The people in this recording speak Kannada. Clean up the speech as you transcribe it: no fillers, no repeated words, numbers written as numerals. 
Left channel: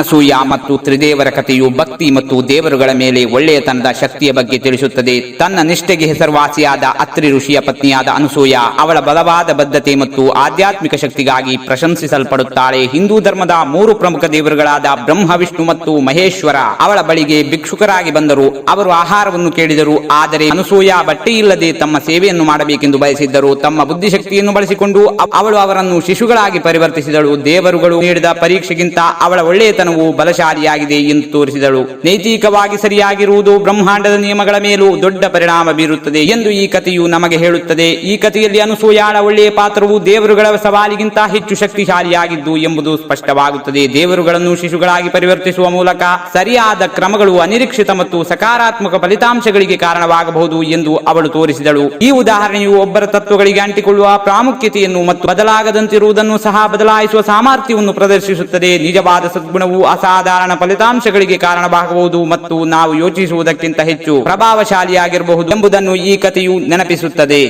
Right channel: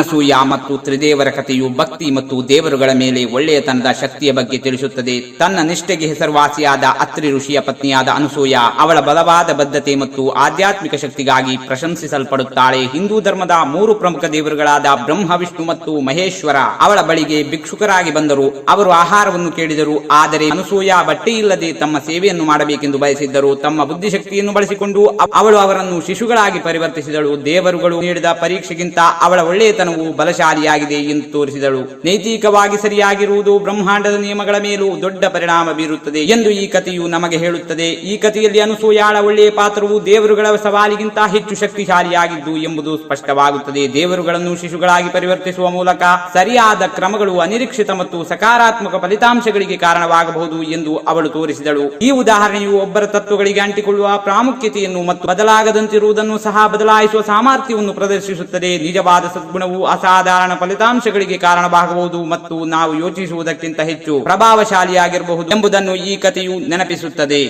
ಅನಸೂಯ ಮತ್ತು ತ್ರಿದೇವರ ಕಥೆಯು ಭಕ್ತಿ ಮತ್ತು ದೇವರುಗಳ ಮೇಲೆ ಒಳ್ಳೆಯತನದ ಶಕ್ತಿಯ ಬಗ್ಗೆ ತಿಳಿಸುತ್ತದೆ. ತನ್ನ ನಿಷ್ಠೆಗೆ ಹೆಸರುವಾಸಿಯಾದ ಅತ್ರಿ ಋಷಿಯ ಪತ್ನಿಯಾದ ಅನಸೂಯ ಅವಳ ಬಲವಾದ ಬದ್ಧತೆ ಮತ್ತು ಆಧ್ಯಾತ್ಮಿಕ ಶಕ್ತಿಗಾಗಿ ಪ್ರಶಂಸಿಸಲ್ಪಡುತ್ತಾಳೆ. ಹಿಂದೂ ಧರ್ಮದ 3 ಪ್ರಮುಖ ದೇವರುಗಳಾದ ಬ್ರಹ್ಮ, ವಿಷ್ಣು ಮತ್ತು ಮಹೇಶ್ವರ ಅವಳ ಬಳಿಗೆ ಭಿಕ್ಷುಕರಾಗಿ ಬಂದರು. ಅವರು ಆಹಾರವನ್ನು ಕೇಳಿದರು. ಆದರೆ ಅನಸೂಯ ಬಟ್ಟೆ ಇಲ್ಲದೆ ತಮ್ಮ ಸೇವೆಯನ್ನು ಮಾಡಬೇಕೆಂದು ಬಯಸಿದ್ದರು. ತಮ್ಮ ಬುದ್ಧಿಶಕ್ತಿಯನ್ನು ಬಳಸಿಕೊಂಡು ಅವಳು ಅವರನ್ನು ಶಿಶುಗಳಾಗಿ ಪರಿವರ್ತಿಸಿದಳು. ದೇವರುಗಳು ನೀಡಿದ ಪರೀಕ್ಷೆಗಿಂತ ಅವಳ ಒಳ್ಳೆಯತನವು ಬಲಶಾಲಿಯಾಗಿದೆ ಎಂದು ತೋರಿಸಿದಳು. ನೈತಿಕವಾಗಿ ಸರಿಯಾಗಿರುವುದು ಬ್ರಹ್ಮಾಂಡದ ನಿಯಮಗಳ ಮೇಲೂ ದೊಡ್ಡ ಪರಿಣಾಮ ಬೀರುತ್ತದೆ ಎಂದು ಈ ಕಥೆಯು ನಮಗೆ ಹೇಳುತ್ತದೆ. ಈ ಕಥೆಯಲ್ಲಿ ಅನಸೂಯಾಳ ಒಳ್ಳೆಯ ಪಾತ್ರವು ದೇವರುಗಳ ಸವಾಲಿಗಿಂತ ಹೆಚ್ಚು ಶಕ್ತಿಶಾಲಿಯಾಗಿದ್ದು ಎಂಬುದು ಸ್ಪಷ್ಟವಾಗುತ್ತದೆ. ದೇವರುಗಳನ್ನು ಶಿಶುಗಳಾಗಿ ಪರಿವರ್ತಿಸುವ ಮೂಲಕ ಸರಿಯಾದ ಕ್ರಮಗಳು ಅನಿರೀಕ್ಷಿತ ಮತ್ತು ಸಕಾರಾತ್ಮಕ ಫಲಿತಾಂಶಗಳಿಗೆ ಕಾರಣವಾಗಬಹುದು ಎಂದು ಅವಳು ತೋರಿಸಿದಳು. ಈ ಉದಾಹರಣೆಯು ಒಬ್ಬರ ತತ್ವಗಳಿಗೆ ಅಂಟಿಕೊಳ್ಳುವ ಪ್ರಾಮುಖ್ಯತೆಯನ್ನು ಮತ್ತು ಬದಲಾಗದಂತಿರುವುದನ್ನು ಸಹ ಬದಲಾಯಿಸುವ ಸಾಮರ್ಥ್ಯವನ್ನು ಪ್ರದರ್ಶಿಸುತ್ತದೆ. ನಿಜವಾದ ಸದ್ಗುಣವು ಅಸಾಧಾರಣ ಫಲಿತಾಂಶಗಳಿಗೆ ಕಾರಣವಾಗಬಹುದು ಮತ್ತು ನಾವು ಯೋಚಿಸುವುದಕ್ಕಿಂತ ಹೆಚ್ಚು ಪ್ರಭಾವಶಾಲಿಯಾಗಿರಬಹುದು ಎಂಬುದನ್ನು ಈ ಕಥೆಯು ನೆನಪಿಸುತ್ತದೆ.